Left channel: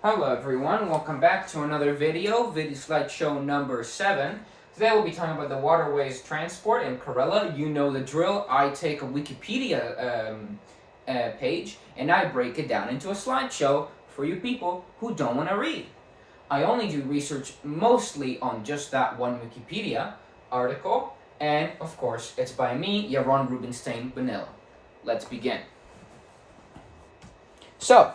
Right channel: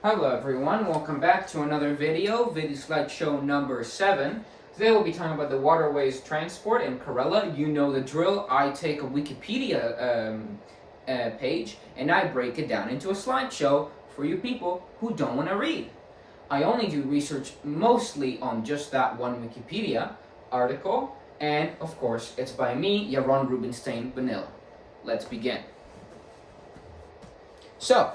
Hello everyone, welcome back to another video slideshow number 7. Today we'll be talking about the Waterways Transport in Kerala. You know the drill. I take a Wikipedia page and I break it down into a slideshow for you people who don't want to read. I only do research mostly on just that one Wikipedia article, and of course it's by me, Yaron Rubinstein Vanilla. Let's begin. So,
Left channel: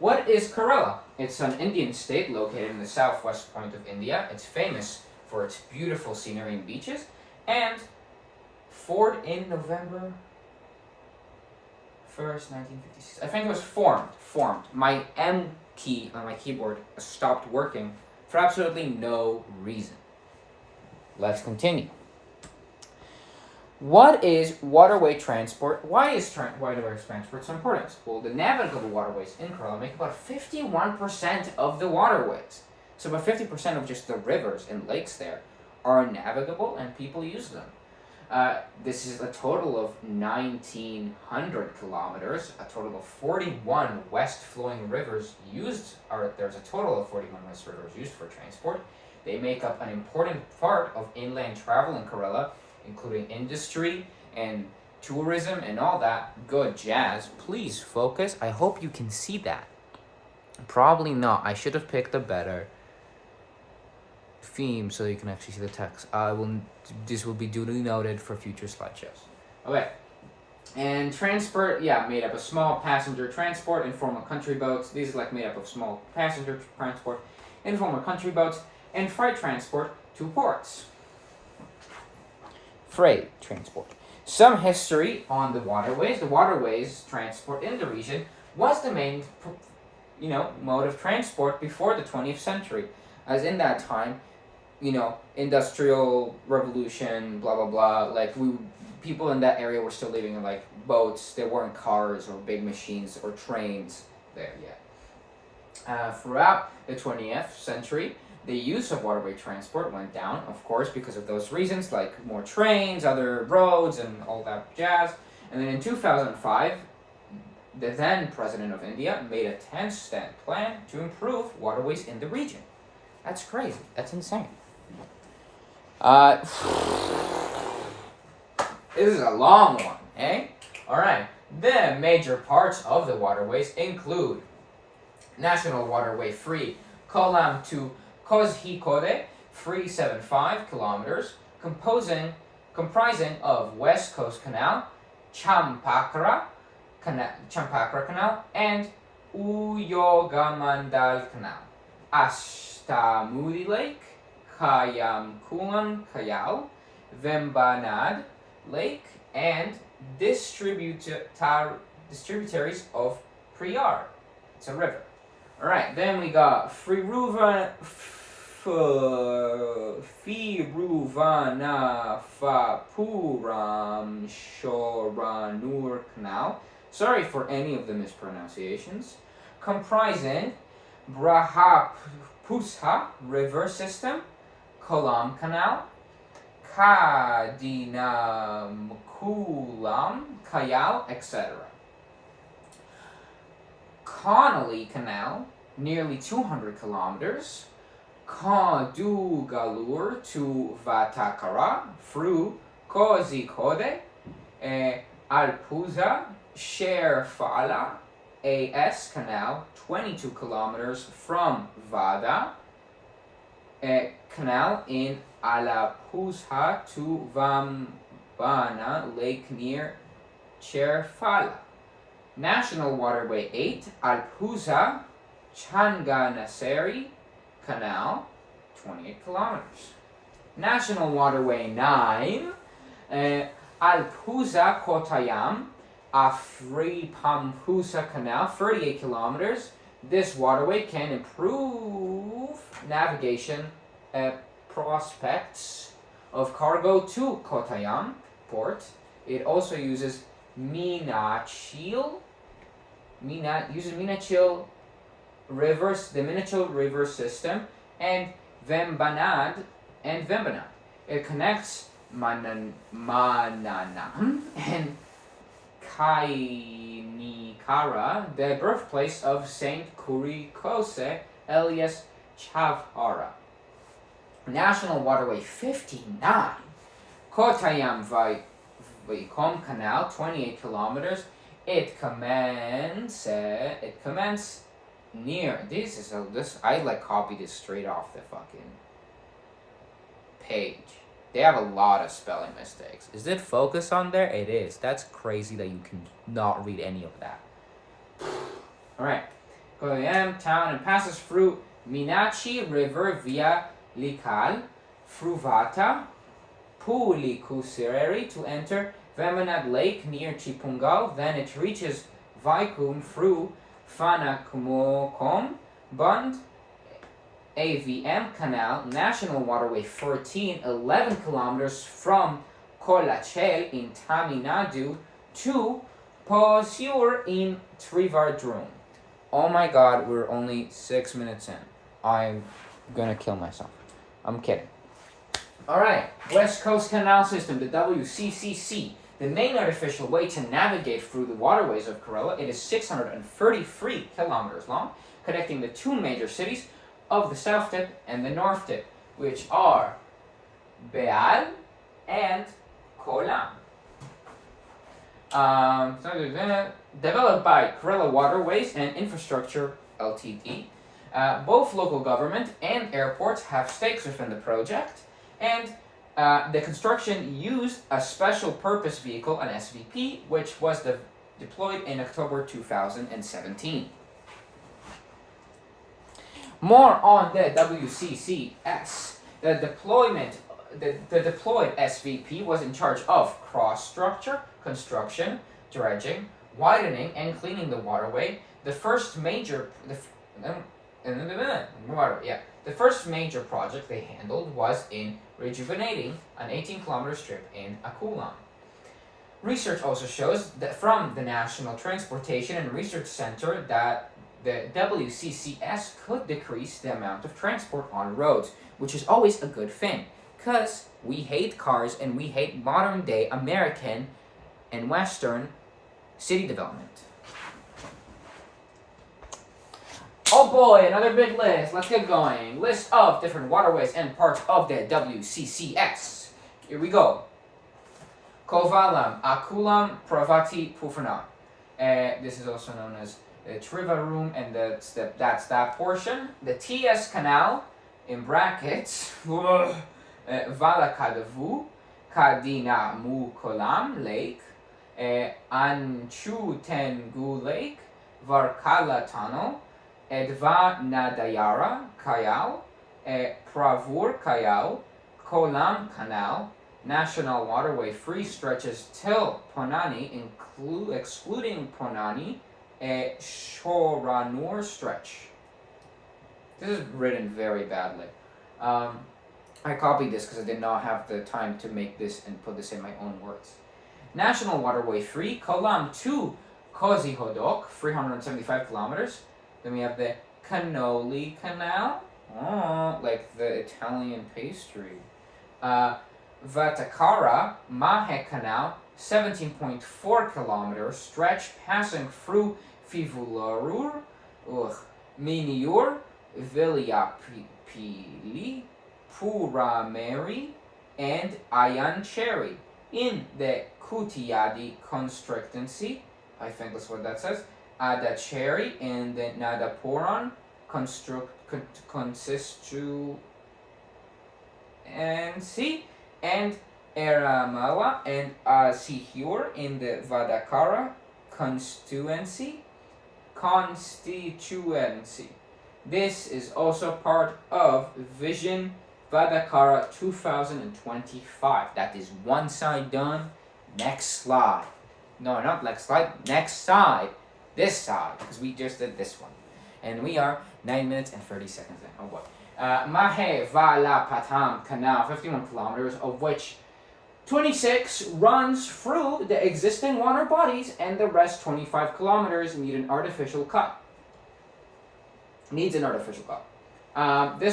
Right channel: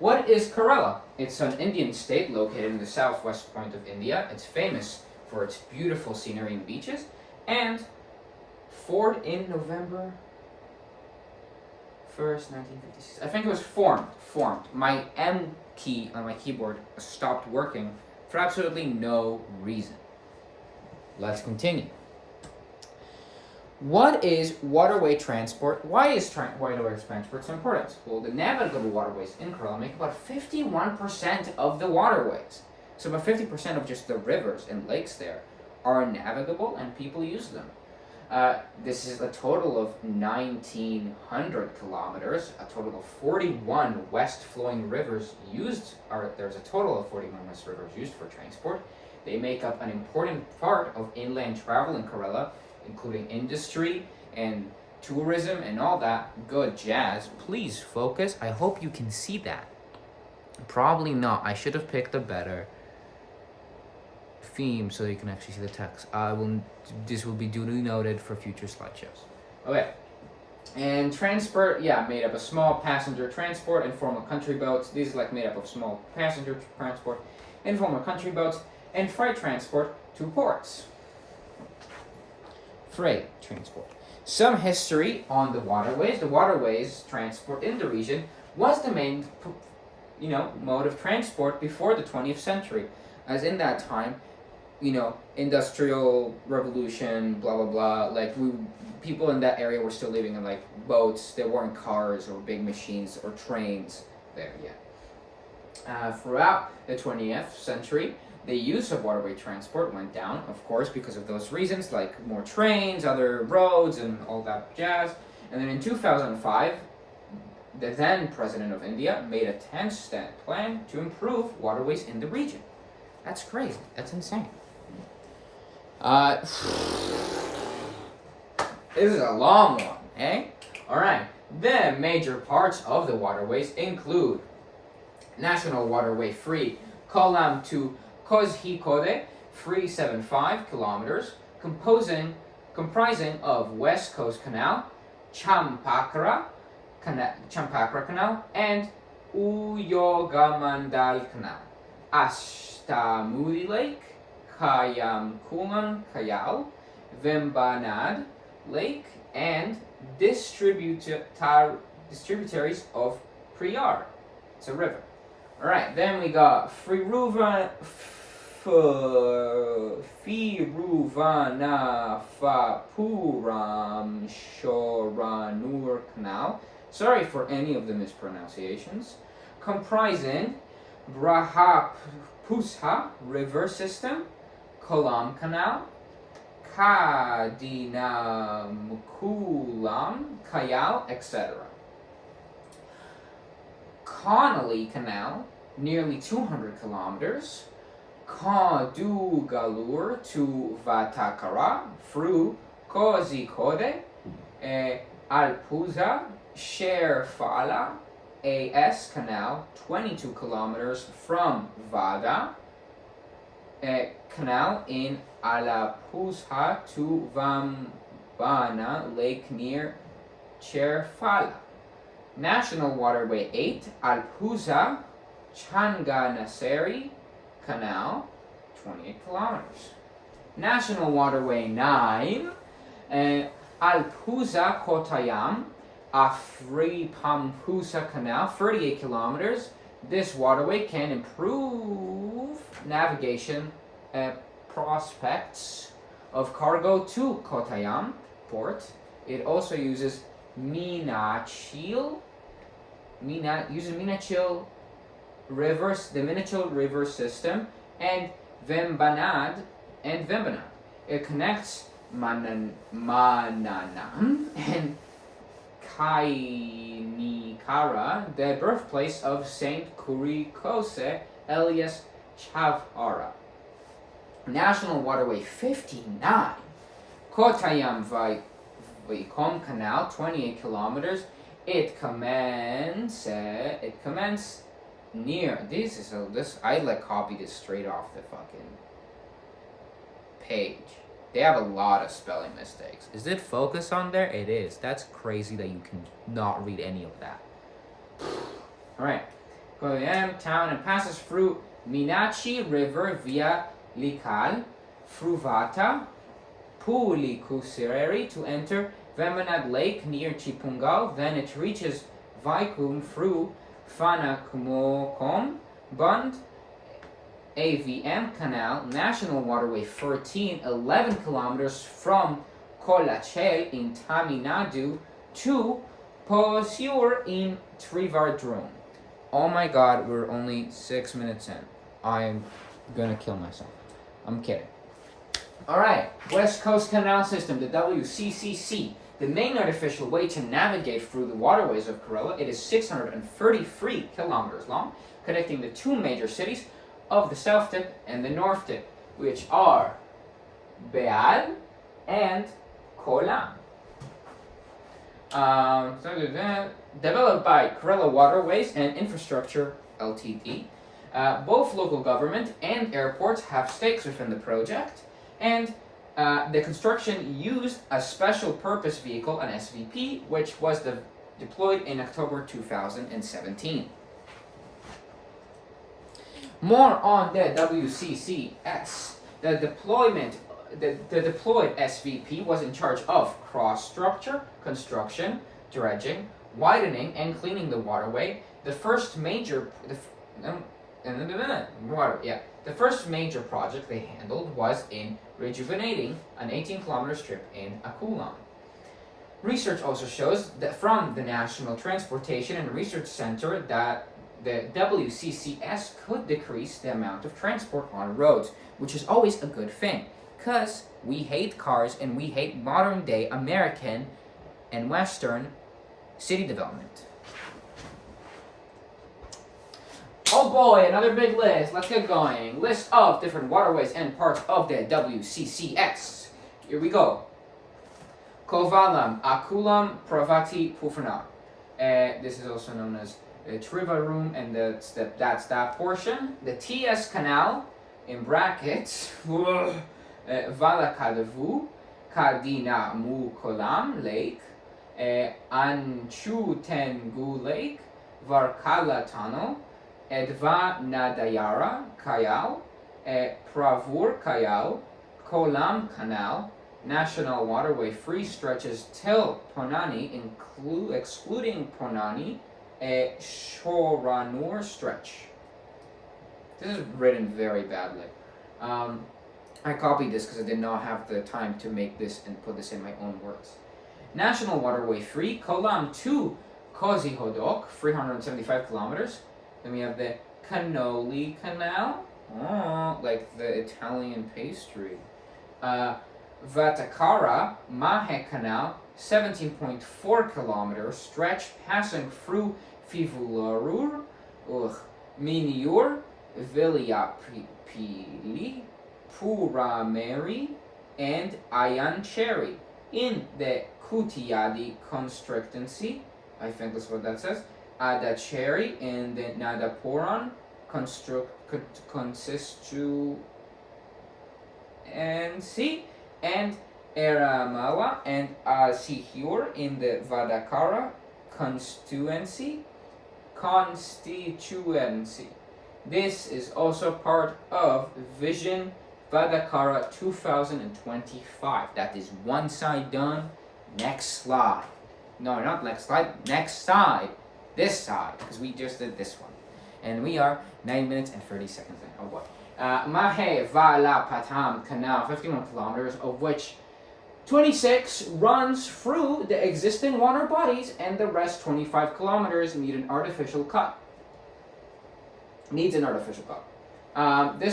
what is Kerala? It's an Indian state located in the southwest point of India. It's famous for its beautiful scenery and beaches, and formed in November 1st, 1956. I think it was formed. My M key on my keyboard stopped working for absolutely no reason. Let's continue. What is waterway transport? Why is waterway transport so important? Well, the navigable waterways in Kerala make about 51% of the waterways. So about 50% of just the rivers and lakes there are navigable and people use them. This is a total of 1,900 kilometers, a total of 41 west-flowing rivers there's a total of 41 west rivers used for transport. They make up an important part of inland travel in Kerala, including industry and tourism and all that good jazz. Please focus. I hope you can see that. Probably not. I should have picked a better theme so you can actually see the text. This will be duly noted for future slideshows. Okay. And transport, made up of small passenger transport, informal country boats. These are made up of small passenger transport, informal country boats, and freight transport to ports. Freight transport. Some history on the waterways. The waterways transport in the region was the main, mode of transport before the 20th century. As in that time, industrial revolution, blah blah blah. People in that area were still living in boats. There weren't cars or big machines or trains there yet. Throughout the 20th century, the use of waterway transport went down, of course, because of those reasons, like more trains, other roads, and all that jazz. And then in 2005, the then president of India made a 10-step plan to improve waterways in the region. That's crazy. That's insane. This is a long one, eh? All right. The major parts of the waterways include National Waterway Free Kollam to Kozhikode, 375 kilometers, comprising of West Coast Canal, Champakra Canal, and Uyogamandal Canal, Ashtamudi Lake, Kayamkulam Kayal, Vembanad Lake, and distributaries of Priyar. It's a river. All right, then we got Firuvanafapuram Shoranur Canal. Sorry for any of the mispronunciations. Comprising Brahapusha River System, Kollam Canal, Kadinamkulam Kayal, etc. Connolly Canal, nearly 200 kilometers, Kadugalur to Vatakara, through Kozhikode, Alpuza, Sherfala, AS Canal, 22 kilometers from Vada, Canal in Alapuzha to Vambana Lake near Cherfala. National Waterway 8, Alpuza, Changanaseri Canal, 28 kilometers. National Waterway 9, Alpuza Kottayam, Afripampusa Canal, 38 kilometers. This waterway can improve navigation prospects of cargo to Kottayam port. It also uses Minachil rivers, the Minachil River system, and Vembanad. It connects Mananam and Kaini Ankara, the birthplace of Saint Kurikose Elias Chavara. National Waterway 59, Kottayam Vaikom Canal, 28 kilometers. It commences near, I like copied this straight off the fucking page. They have a lot of spelling mistakes. Is it focus on there? It is. That's crazy that you can not read any of that. Alright. Kottayam town and passes through Minachi River via Likal, Fruvata, Pulikusireri to enter Vemanad Lake near Chipungal. Then it reaches Vaikum through Fanakumokom, Bund, AVM Canal, National Waterway 13, 11 kilometers from Kolachel in Tamil Nadu to Posur in Trivandrum. Oh my god, we're only 6 minutes in. I'm gonna kill myself. I'm kidding. Alright, West Coast Canal System, the WCCC. The main artificial way to navigate through the waterways of Kerala. It is 633 kilometers long, connecting the two major cities of the south tip and the north tip, which are Beal and Kolam. Developed by Kerala Waterways and Infrastructure Ltd. Both local government and airports have stakes within the project, and the construction used a special purpose vehicle, an SVP, which was deployed in October 2017. More on the WCCS. The deployed SVP was in charge of cross structure, construction, dredging, widening, and cleaning the waterway. The first major project they handled was in rejuvenating an 18-kilometer strip in Akulam. Research also shows that from the National Transportation and Research Center that the WCCS could decrease the amount of transport on roads, which is always a good thing, because we hate cars and we hate modern-day American and Western city development. Oh boy, another big list. Let's get going. List of different waterways and parts of the WCCS. Here we go. Kovalam, Akulam, Pravati, Pufana. This is also known as Trivandrum, and that's that portion. The TS Canal, in brackets, Valakadavu, Kadina Mukolam Lake, Anchu Tengu Lake, Varkala Tunnel, Edva Nadayara Kayal, Pravur Kayal, Kolam Canal, National Waterway 3 stretches till Ponani, excluding Ponani, Shoranur stretch. This is written very badly. I copied this because I did not have the time to make this and put this in my own words. National Waterway 3, Kolam to Kozihodok, 375 kilometers. Then we have the Cannoli Canal, like the Italian pastry. Vatakara Mahe Canal, 17.4 kilometers stretch passing through Fivularur, Miniur, Viliapili, Purameri, and Ayancheri in the Kutiyadi constituency. I think that's what that says. Adacheri in the Nadapuran constituency, and Eramala and Sihur in the Vadakara constituency. This is also part of Vision Vadakara 2025. That is one side done. Next slide. No, not next slide. Next side. This side, because we just did this one. And we are 9 minutes and 30 seconds in. Oh boy. Mahe Vala Patam Canal, 51 kilometers, of which 26 runs through the existing water bodies, and the rest 25 kilometers needs an artificial cut. This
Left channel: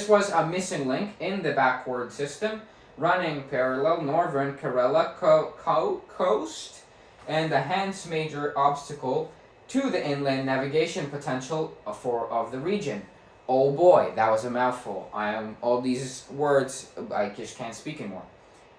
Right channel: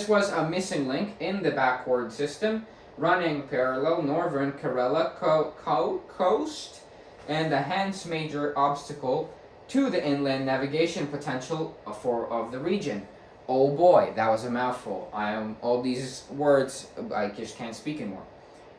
was a missing link in the backward system, running parallel northern Kerala coast, and the hence major obstacle to the inland navigation potential of the region. Oh boy, that was a mouthful. All these words, I just can't speak anymore.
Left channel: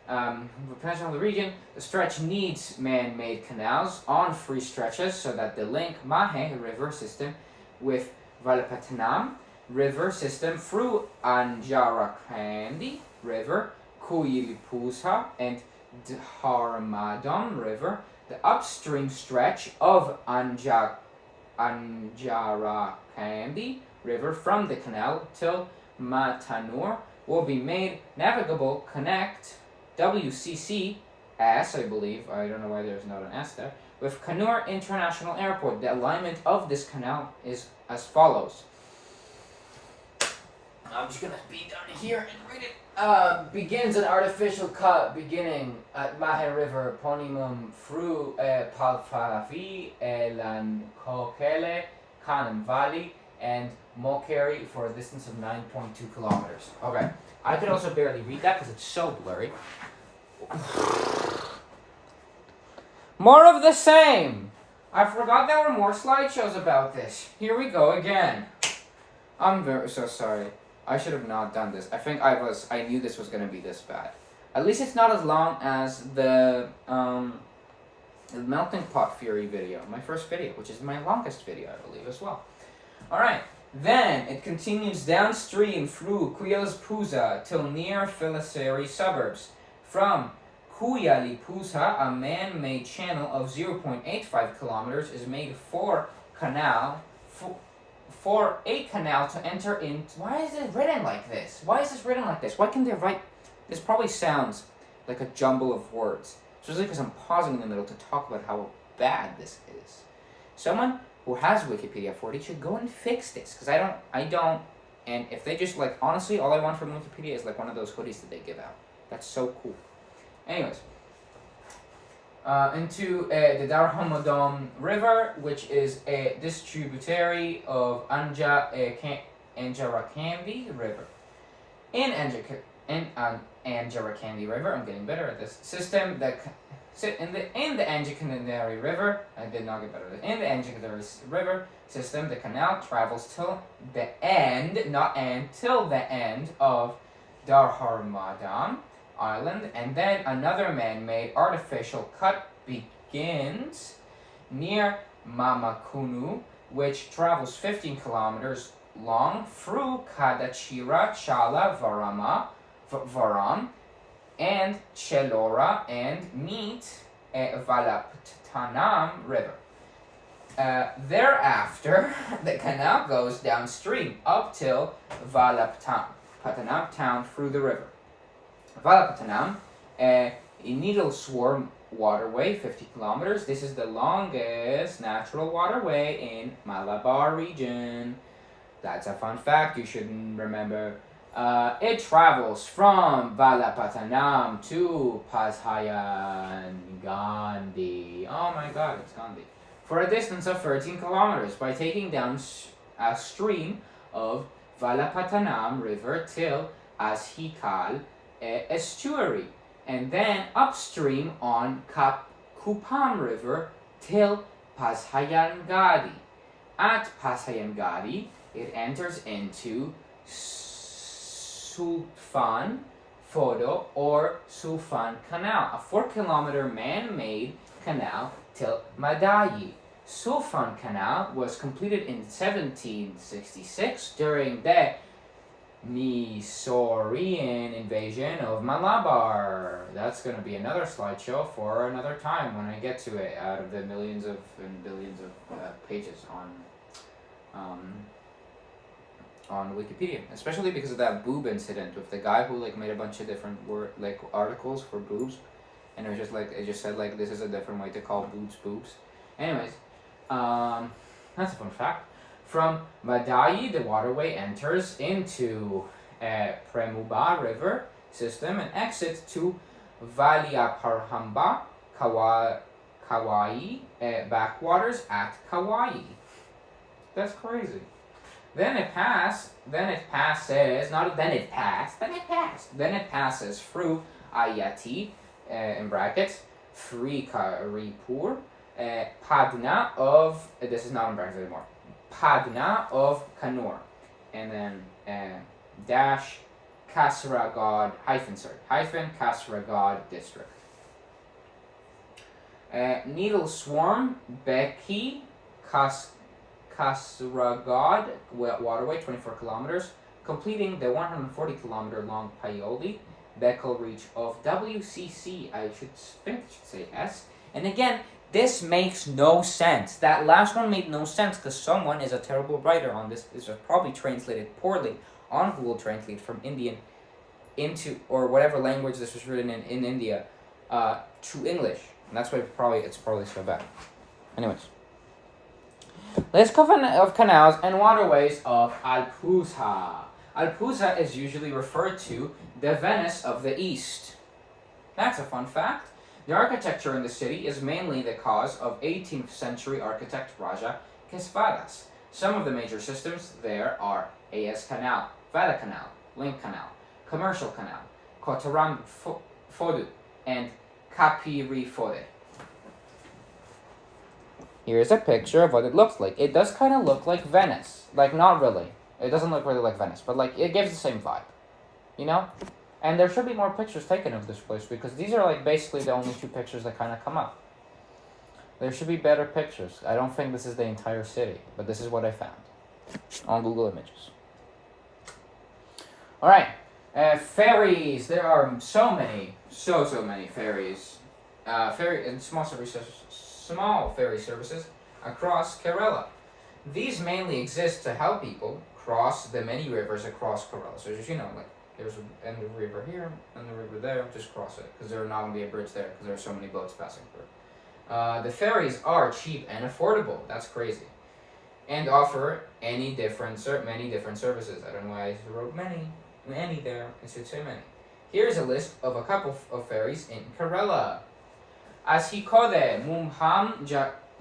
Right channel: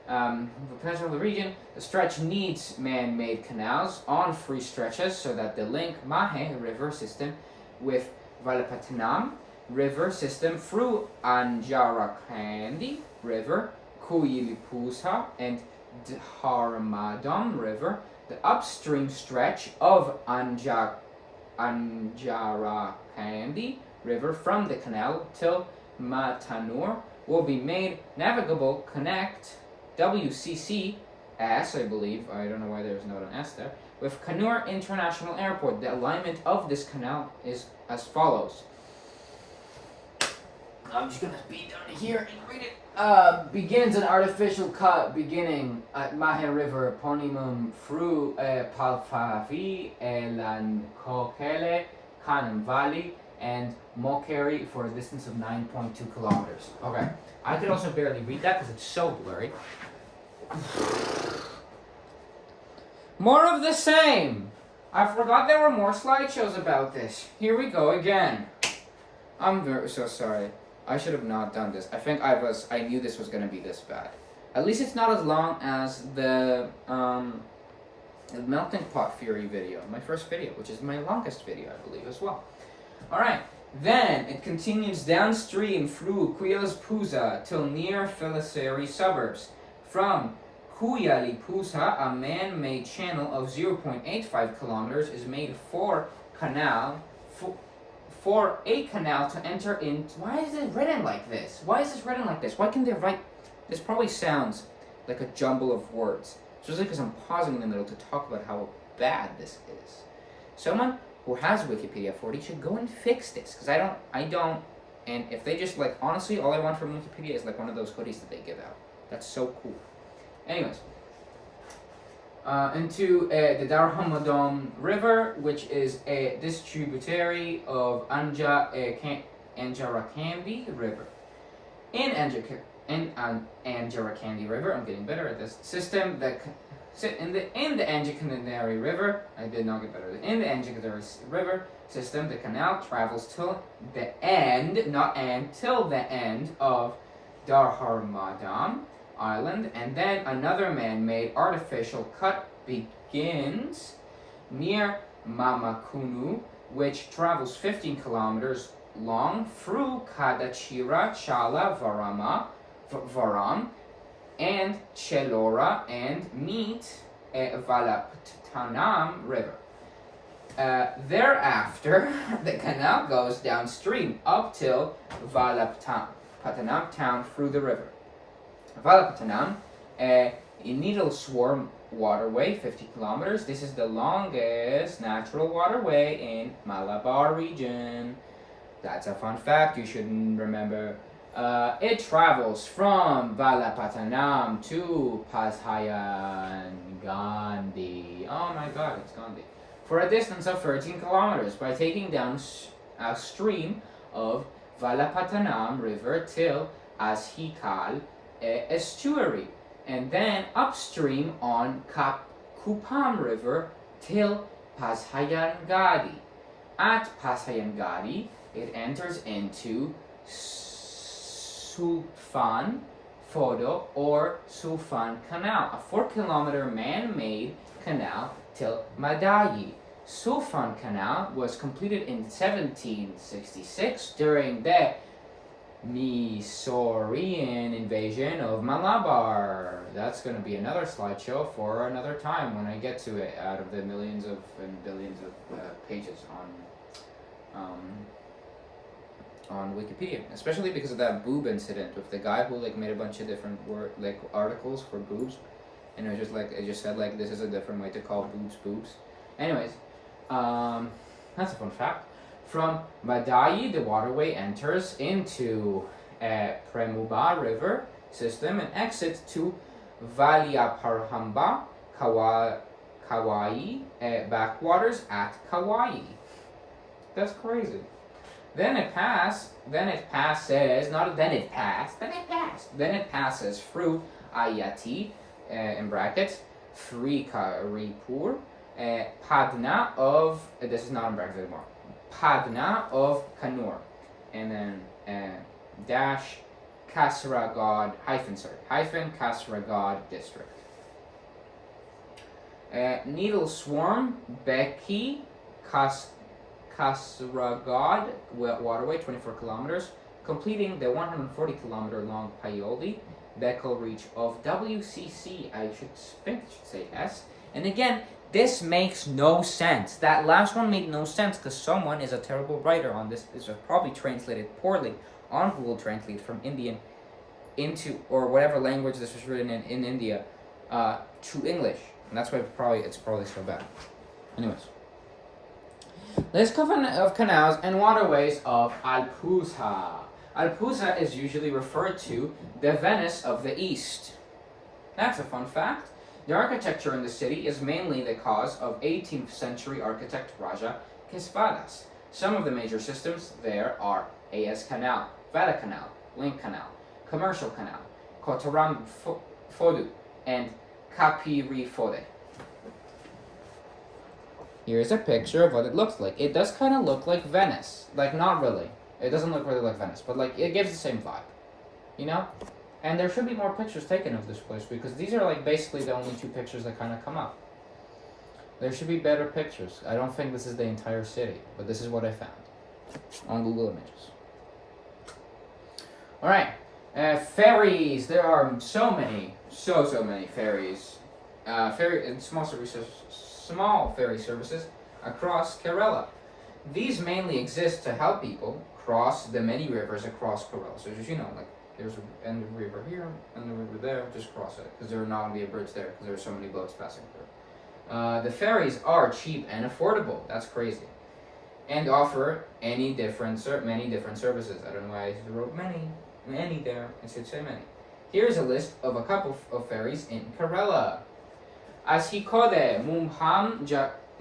The potential of the region, the stretch needs man-made canals on free stretches so that the link Mahe River system with Valapattanam River system through Anjarakandi River, Kuyilipusa, and Dharmadam River, the upstream stretch of Anjarakandi River from the canal till Matanur will be made navigable. Connect WCCS, I believe, I don't know why there's not an S there, with Kannur International Airport. The alignment of this canal is as follows. I'm just gonna be down here and read it. Begins an artificial cut beginning at Mahe River, Ponimum, through Palfavi, Lankokele, Kanem Valley, and Mokeri for a distance of 9.2 kilometers. Okay, I could also barely read that because it's so blurry. More of the same. I forgot there were more slideshows about this. Here we go again. I'm so sorry. I should have not done this. I knew this was going to be this bad. At least it's not as long as the Melting Pot Fury video, my first video, which is my longest video, I believe, as well. Alright, then it continues downstream through Kuyalipusa till near Filisari suburbs. From Kuyalipusa, a man-made channel of 0.85 kilometers is made for a canal to enter in. Why is it written like this? Why can they write? This probably sounds like a jumble of words, especially because I'm pausing in the middle to talk about how bad this is. Someone who has Wikipedia 40 should go and fix this, because I don't, and if they just, like, honestly, all I want from Wikipedia is, like, one of those hoodies that they give out. That's so cool. Anyways, into the Dharmadam River, which is a distributary of Anjarakandi River. In Anjarakandi River, I'm getting better at this system, in the Anjakanari River, I did not get better. In the Anjakanari River system, the canal travels till the end, till the end of Dharmadam Island, and then another man-made artificial cut begins near Mamakunu, which travels 15 kilometers long through Kadachira, Chala, Varam, and Chelora, and meet Valapattanam River. Thereafter, the canal goes downstream up till Valapattanam town through the river. Valapattanam, a needle swarm waterway, 50 kilometers. This is the longest natural waterway in Malabar region. That's a fun fact you should remember. It travels from Valapattanam to Pashayan Gandhi. Oh my god, it's Gandhi. For a distance of 13 kilometers by taking down a stream of Valapattanam River till Ashikal estuary, and then upstream on Kupam River till Pasayangadi. At Pasayangadi, it enters into Sufan Fodo or Sufan Canal, a 4-kilometer man-made canal till Madayi. Sufan Canal was completed in 1766 during the Mysorean invasion of Malabar. That's going to be another slideshow for another time when I get to it, out of the millions of and billions of pages on Wikipedia, especially because of that boob incident with the guy who like made a bunch of different articles for boobs, and it was just like, it just said like this is a different way to call boobs. Anyways, that's a fun fact. From Madayi, the waterway enters into Premuba River system and exits to Valiaparhamba, Kauai backwaters at Kauai. That's crazy. Then it passes through Ayati, in brackets, Srikaripur, Padna of, this is not in brackets anymore, Padna of Kannur, and then dash Kasaragod, hyphen Kasaragod district. Needle Swarm, Beki, Kasaragod waterway, 24 kilometers, completing the 140 kilometer long Paoli Bekel reach of WCC. I should say S. And again, this makes no sense. That last one made no sense because someone is a terrible writer on this. This was probably translated poorly on Google Translate from Indian into, or whatever language this was written in India, to English. And that's why it's probably so bad. Anyways. List of canals and waterways of Alpusa. Alpusa is usually referred to the Venice of the East. That's a fun fact. The architecture in the city is mainly the cause of 18th century architect Raja Kesvadas. Some of the major systems there are AS Canal, Vada Canal, Link Canal, Commercial Canal, Kotaram Fodu, and Kapiri Fode. Here's a picture of what it looks like. It does kind of look like Venice. Like, not really. It doesn't look really like Venice, but like it gives the same vibe. You know? And there should be more pictures taken of this place because these are like basically the only two pictures that kind of come up. There should be better pictures. I don't think this is the entire city, but this is what I found on Google Images. All right. Ferries. There are so many ferries. Small ferry services across Kerala. These mainly exist to help people cross the many rivers across Kerala. So as you know, like there's a river here and the river there, just cross it because there's not going to be a bridge there because there are so many boats passing through. The ferries are cheap and affordable. That's crazy. And offer many different services. I don't know why I wrote many there. I should say many. Here's a list of a couple of ferries in Kerala. Ashikode Mumham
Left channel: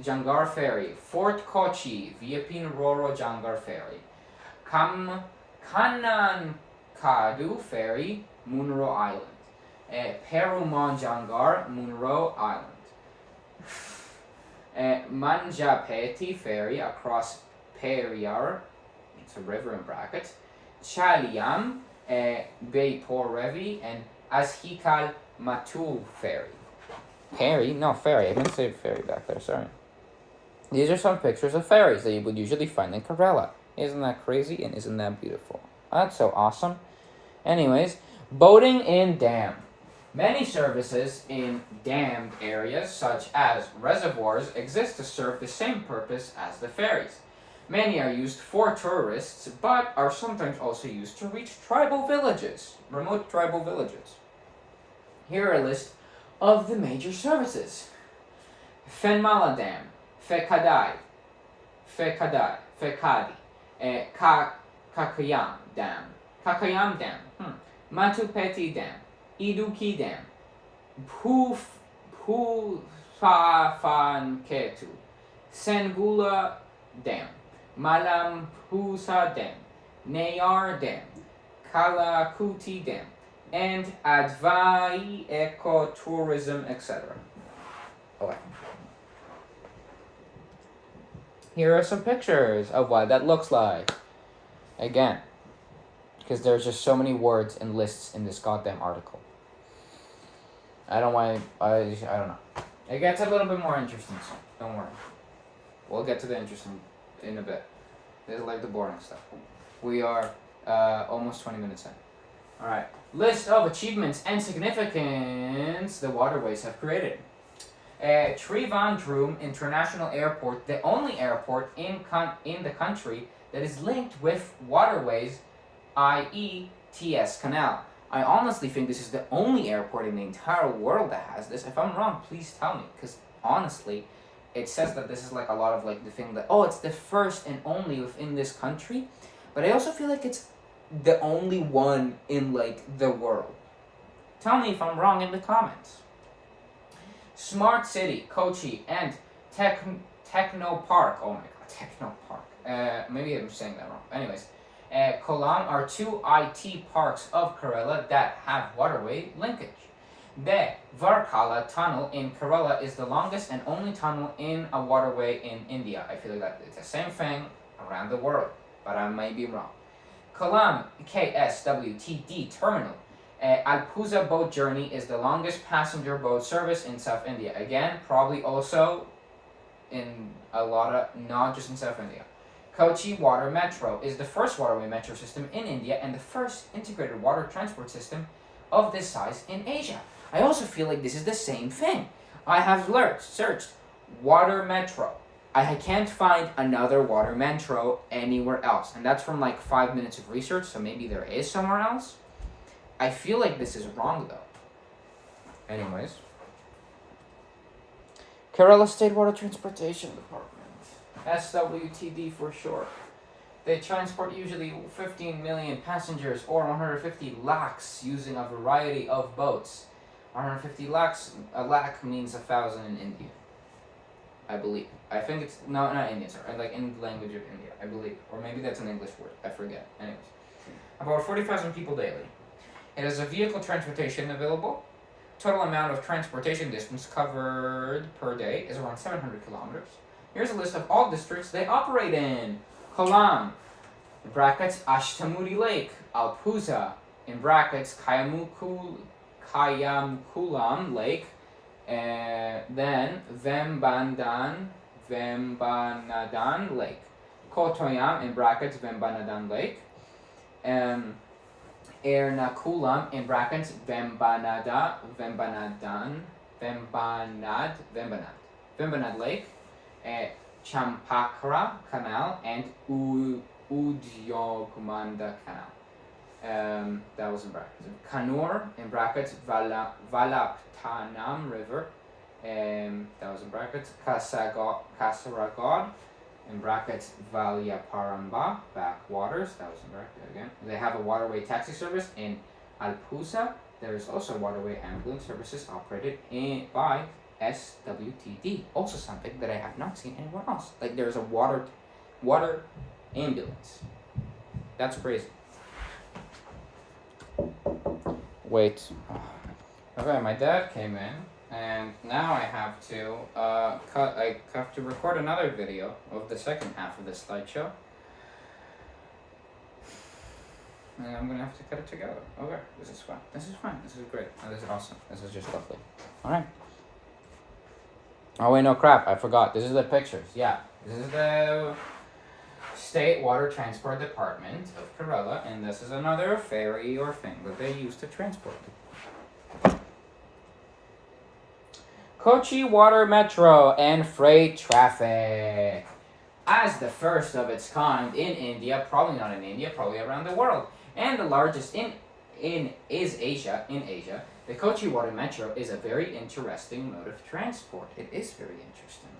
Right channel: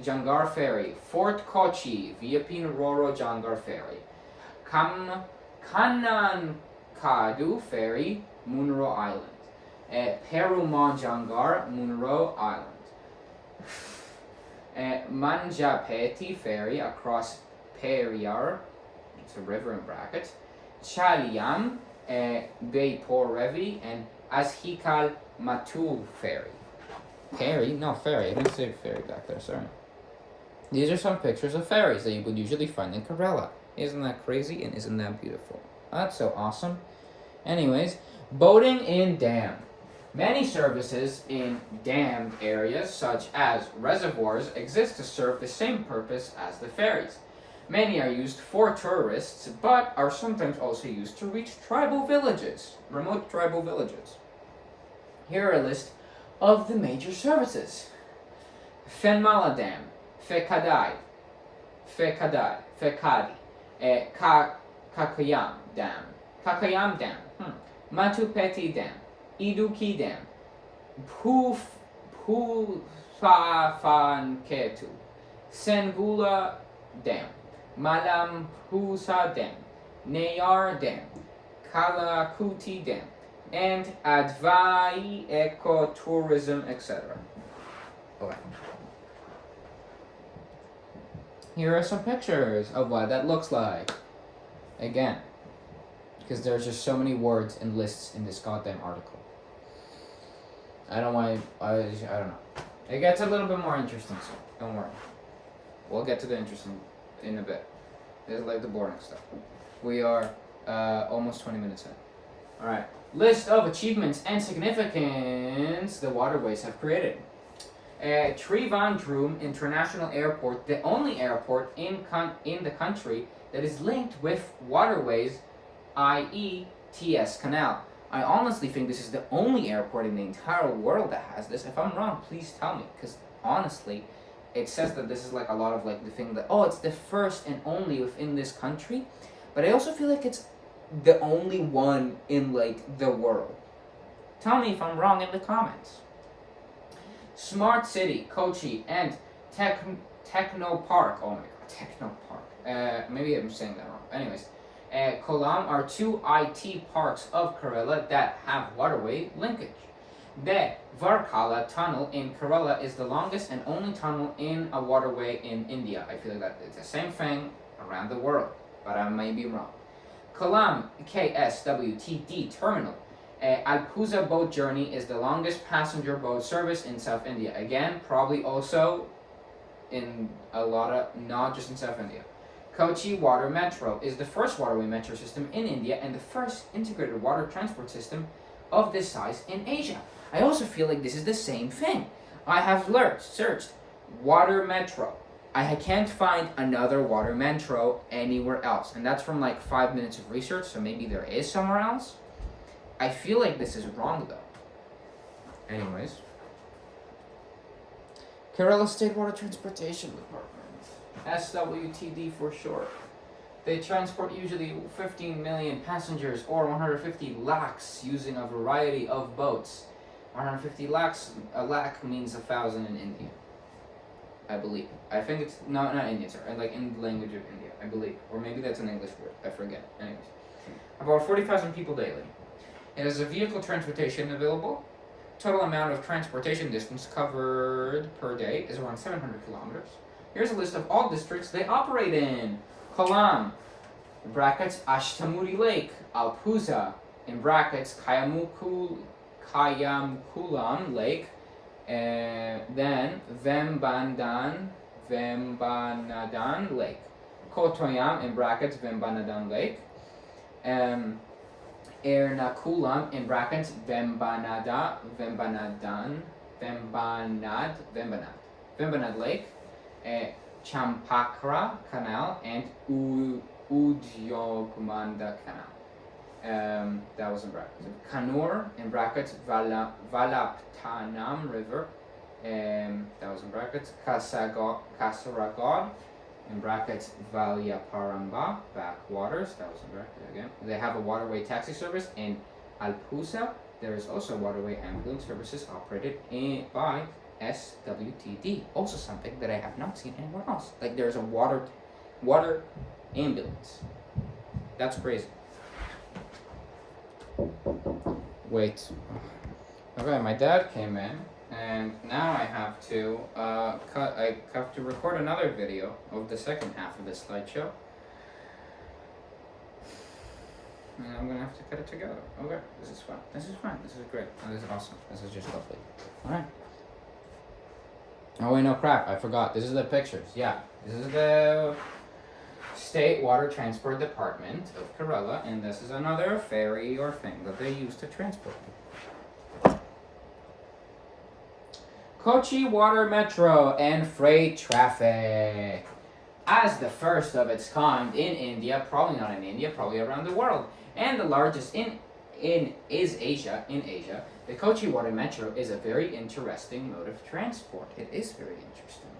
Jangar Ferry, Fort Kochi, Viapin Roro Jangar Ferry, Kanankadu Ferry, Munro Island, Perumal Jangar, Munro Island, Manjapeti Ferry across Periyar, it's a river in brackets, Chaliam, Beypor Revi, and Ashikal Matu Ferry. Ferry? No, ferry. I didn't say ferry back there, sorry. These are some pictures of ferries that you would usually find in Kerala. Isn't that crazy and isn't that beautiful? That's so awesome. Anyways, boating in dam. Many services in dammed areas, such as reservoirs, exist to serve the same purpose as the ferries. Many are used for tourists, but are sometimes also used to reach remote tribal villages. Here are a list of the major services. Fenmala Dam, Fekadi, Kakayam Dam, Matupeti Dam, Iduki Dam, Pufafanketu, Sengula Dam, Malampusa Dam, Nayar Dam, Kalakuti Dam, and Advai Ecotourism, etc. Okay. Here are some pictures of what that looks like. Again, because there's just so many words and lists in this goddamn article. I don't know. It gets a little bit more interesting, so don't worry. We'll get to the interesting in a bit. This is like the boring stuff. We are almost 20 minutes in. Alright. List of achievements and significance the waterways have created. Trivandrum International Airport, the only airport in the country that is linked with waterways, i.e. TS Canal. I honestly think this is the only airport in the entire world that has this. If I'm wrong, please tell me, because honestly, it says that this is like a lot of like the thing that, it's the first and only within this country, but I also feel like it's the only one in like the world. Tell me if I'm wrong in the comments. Smart City, Kochi, and Techno Park. Oh my god, Techno Park. Maybe I'm saying that wrong. Anyways, Kolam are two IT parks of Kerala that have waterway linkage. The Varkala tunnel in Kerala is the longest and only tunnel in a waterway in India. I feel like that it's the same thing around the world, but I may be wrong. Kollam KSWTD terminal. Alpuza boat journey is the longest passenger boat service in South India. Again, probably also in a lot of, not just in South India. Kochi Water Metro is the first waterway metro system in India and the first integrated water transport system of this size in Asia. I also feel like this is the same thing. I have searched water metro. I can't find another water metro anywhere else. And that's from like 5 minutes of research, so maybe there is somewhere else. I feel like this is wrong though. Anyways. Kerala State Water Transportation Department. SWTD for short. They transport usually 15 million passengers or 150 lakhs using a variety of boats. 150 lakhs, a lakh means 1,000 in India. I believe. I think it's, not Indian, sorry, like in the language of India, I believe. Or maybe that's an English word, I forget. Anyways. About 40,000 people daily. It has a vehicle transportation available. Total amount of transportation distance covered per day is around 700 kilometers. Here's a list of all districts they operate in. Kollam, in brackets, Ashtamudi Lake, Alpuza, in brackets, Kayamukulam Lake, then Vembanadan Lake, Kotoyam, in brackets, Vembanadan Lake, Ernakulam, in brackets, Vembanad Lake, Champakra Canal, and Udyogmanda Canal. That was in brackets. Kannur, in brackets, Valaptanam River, that was in brackets. Kasaragod, in brackets, Valyaparamba backwaters, that was in brackets again. They have a waterway taxi service in Alpuza. There is also waterway ambulance services operated by SWTD. Also something that I have not seen anywhere else. Like there's a water ambulance. That's crazy. Wait. Okay, my dad came in, and now I have to I have to record another video of the second half of this slideshow. And I'm gonna have to cut it together. Okay, this is fun. This is fun. This is great. Oh, this is awesome. This is just lovely. Alright. Oh wait, no crap, I forgot. This is the pictures. Yeah. This is the State Water Transport Department of Kerala, and this is another ferry or thing that they use to transport people. Kochi Water Metro and Freight Traffic. As the first of its kind in India, probably not in India, probably around the world, and the largest in Asia, the Kochi Water Metro is a very interesting mode of transport. It is very interesting.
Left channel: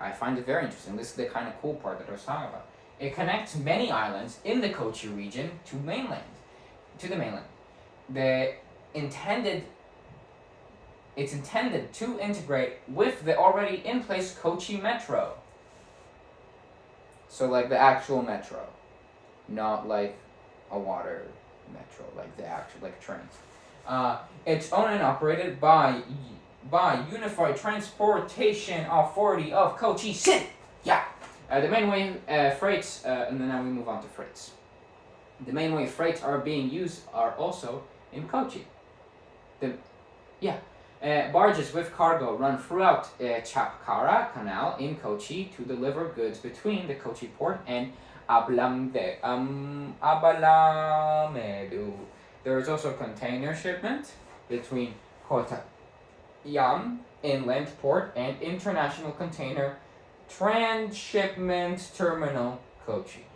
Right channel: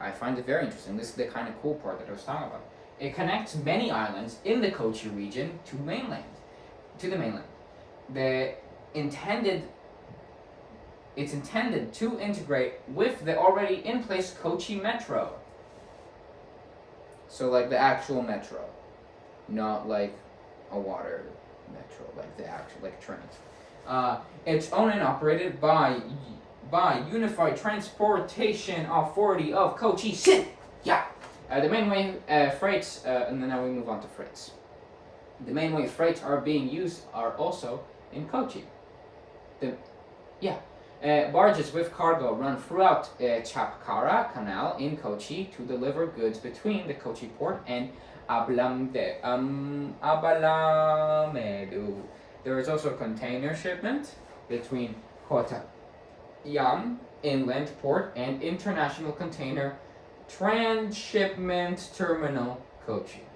I find it very interesting. This is the kind of cool part that I was talking about. It connects many islands in the Kochi region to the mainland. It's intended to integrate with the already in place Kochi Metro. So like the actual metro, not like a water metro, like the actual like trains. It's owned and operated by Unified Transportation Authority of Kochi City. Yeah. The main way freights, and then now we move on to freights. The main way freights are being used are also in Kochi. Barges with cargo run throughout Chapkara Canal in Kochi to deliver goods between the Kochi port and Abalamedu. There is also container shipment between Kottayam Inland Port and International Container Transshipment Terminal Kochi.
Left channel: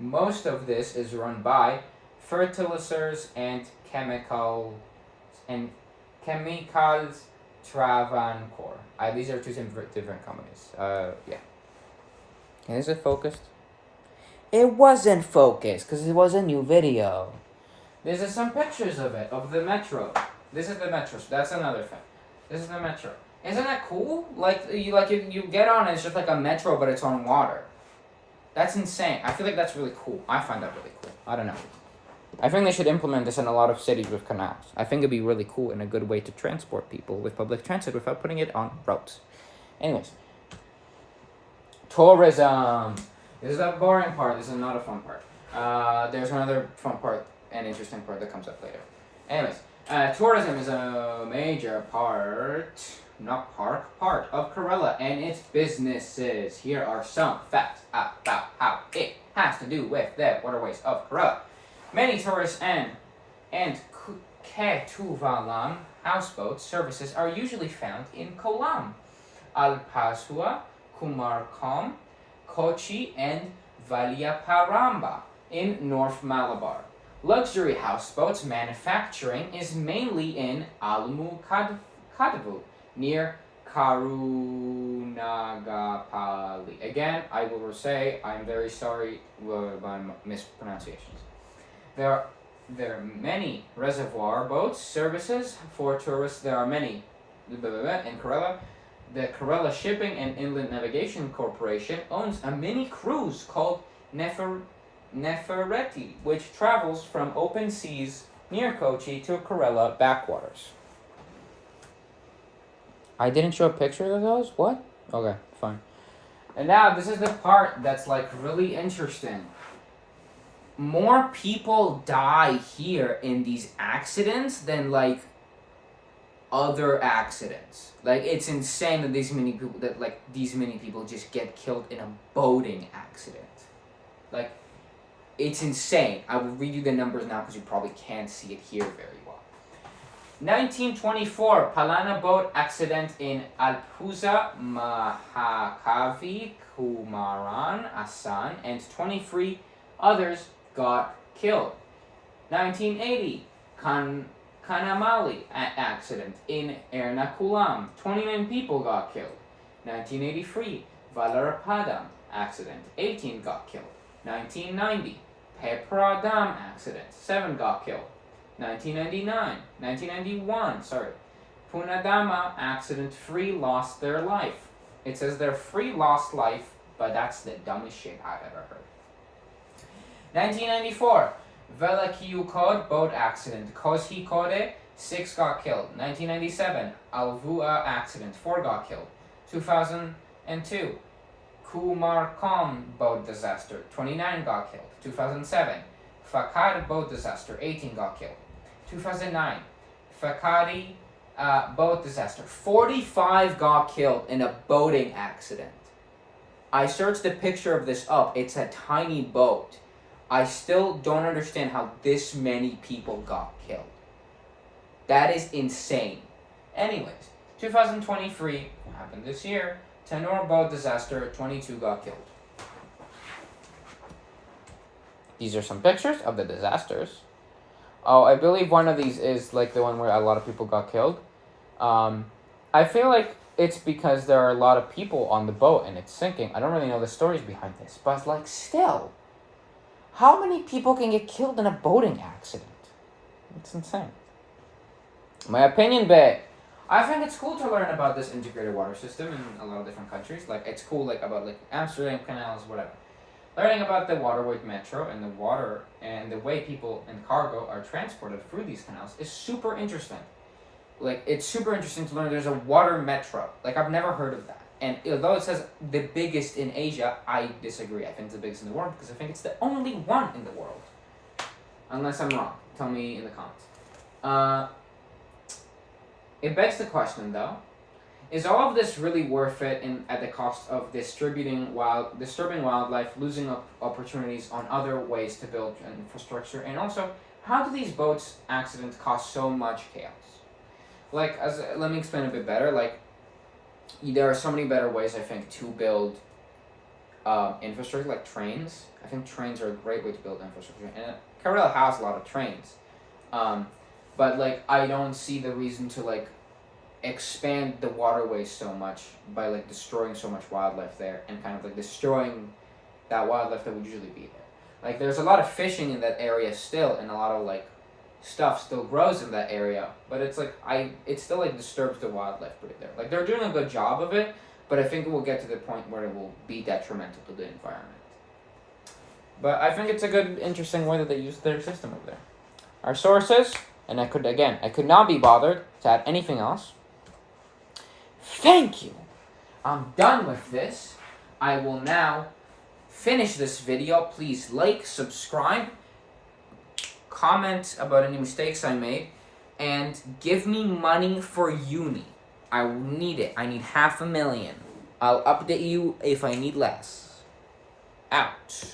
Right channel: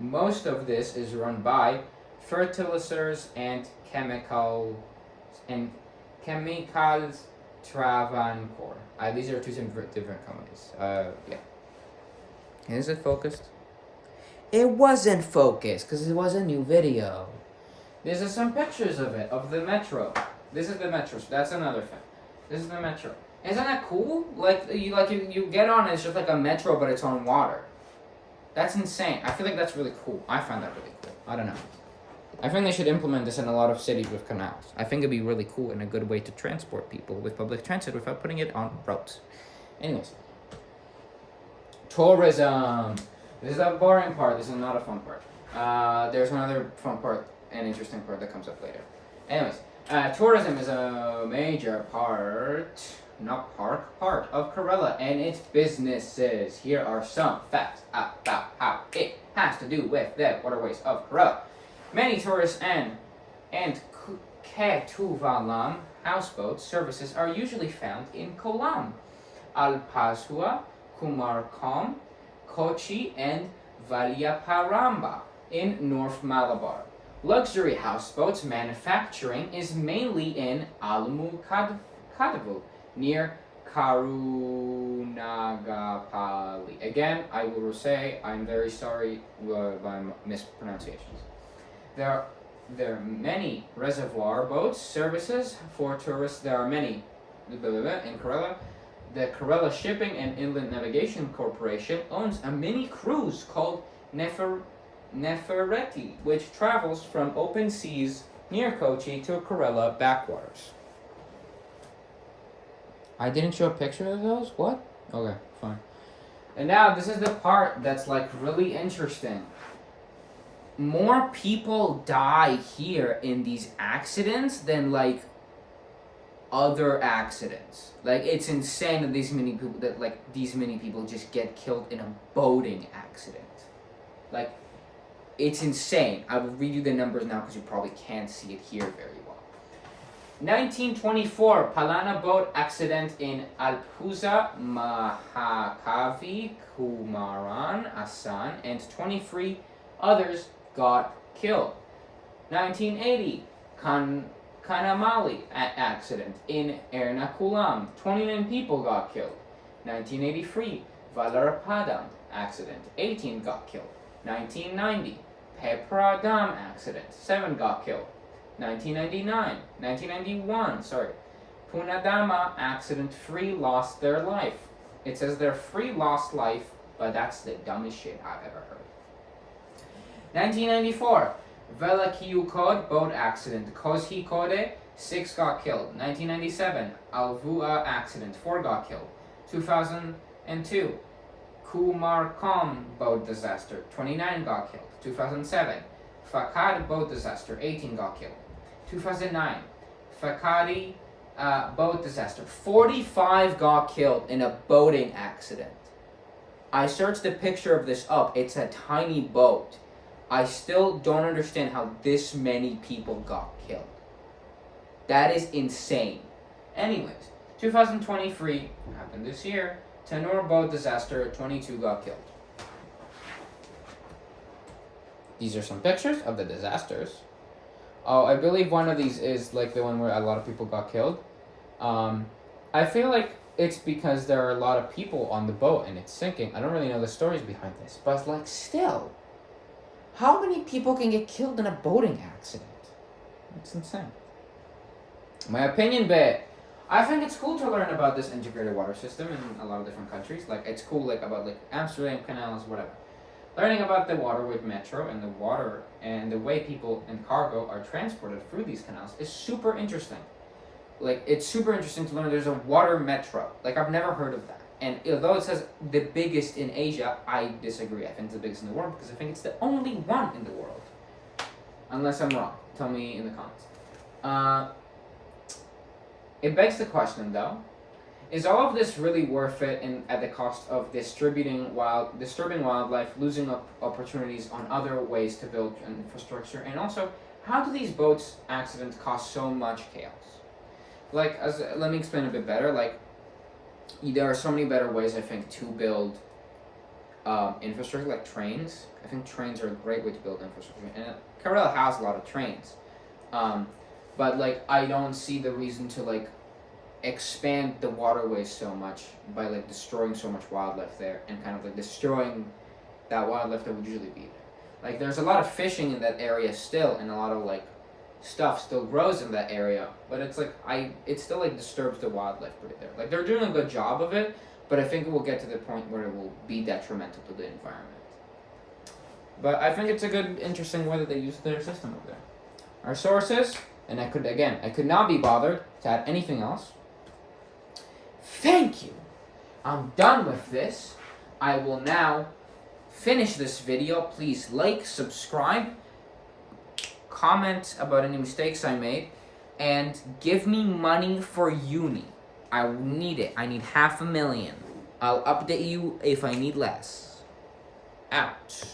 Most of this is run by fertilizers and chemicals Travancore. These are two different companies. Is it focused? It wasn't focused because it was a new video. These are some pictures of it, of the metro. This is the metro. So that's another thing. This is the metro. Isn't that cool? You get on and it's just like a metro, but it's on water. That's insane. I feel like that's really cool. I find that really cool. I don't know. I think they should implement this in a lot of cities with canals. I think it'd be really cool and a good way to transport people with public transit without putting it on roads. Anyways, tourism. This is the boring part. This is not a fun part. There's another fun part and interesting part that comes up later. Anyways, tourism is a major part of Kerala and its businesses. Here are some facts about how it has to do with the waterways of Kerala. Many tourist and Ketuvalam houseboat services are usually found in Kollam, Alpasua, Kumarkom, Kochi, and Valyaparamba in North Malabar. Luxury houseboats manufacturing is mainly in Kadavu, near Karunagapalli. Again, I will say I'm very sorry by mispronunciations. There are many reservoir boats services for tourists. There are many in Kerala. The Kerala Shipping and Inland Navigation Corporation owns a mini cruise called Nefereti, which travels from open seas near Kochi to Kerala backwaters. I didn't show a picture of those? What? Okay, fine. And now this is the part that's like really interesting. More people die here in these accidents than like other accidents. Like it's insane that these many people just get killed in a boating accident. Like it's insane. I will read you the numbers now because you probably can't see it here very well. 1924 Palana boat accident in Alpuza, Mahakavi, Kumaran, Asan, and 23 others got killed. 1980 Kanamali accident in Ernakulam, 29 people got killed. 1983 Valarapadam accident, 18 got killed. 1990 Pepradam accident, 7 got killed. 1991, Punadama accident, 3 lost their life. It says their 3 lost life, but that's the dumbest shit I've ever heard. 1994, Velakiukod boat accident, Kozhikode, 6 got killed. 1997, Alvua accident, 4 got killed. 2002, Kumarkom boat disaster, 29 got killed. 2007, Fakad boat disaster, 18 got killed. 2009, Fakadi boat disaster, 45 got killed in a boating accident. I searched the picture of this up. It's a tiny boat. I still don't understand how this many people got killed. That is insane. Anyways, 2023 happened this year. Tenor boat disaster, 22 got killed. These are some pictures of the disasters. Oh, I believe one of these is like the one where a lot of people got killed. I feel like it's because there are a lot of people on the boat and it's sinking. I don't really know the stories behind this, but like still, how many people can get killed in a boating accident? It's insane. My opinion, babe. I think it's cool to learn about this integrated water system in a lot of different countries. Like it's cool, like about like Amsterdam canals, whatever. Learning about the Waterways Metro and the water and the way people and cargo are transported through these canals is super interesting. Like, it's super interesting to learn there's a water metro. Like, I've never heard of that. And although it says the biggest in Asia, I disagree. I think it's the biggest in the world because I think it's the only one in the world. Unless I'm wrong. Tell me in the comments. It begs the question, though. Is all of this really worth it at the cost of disturbing wildlife, losing opportunities on other ways to build infrastructure? And also, how do these boats accidents cause so much chaos? Like, let me explain a bit better. Like, there are so many better ways, I think, to build infrastructure, like trains. I think trains are a great way to build infrastructure. And Kerala has a lot of trains. But, like, I don't see the reason to, like, expand the waterways so much by like destroying so much wildlife there and kind of like destroying that wildlife that would usually be there. Like there's a lot of fishing in that area still and a lot of like stuff still grows in that area, but it's like it still like disturbs the wildlife pretty there. Like they're doing a good job of it, but I think it will get to the point where it will be detrimental to the environment. But I think it's a good, interesting way that they use their system over there. Our sources, and I could not be bothered to add anything else. Thank you. I'm done with this. I will now finish this video. Please like, subscribe, comment about any mistakes I made, and give me money for uni. I need it. I need $500,000. I'll update you if I need less. Out.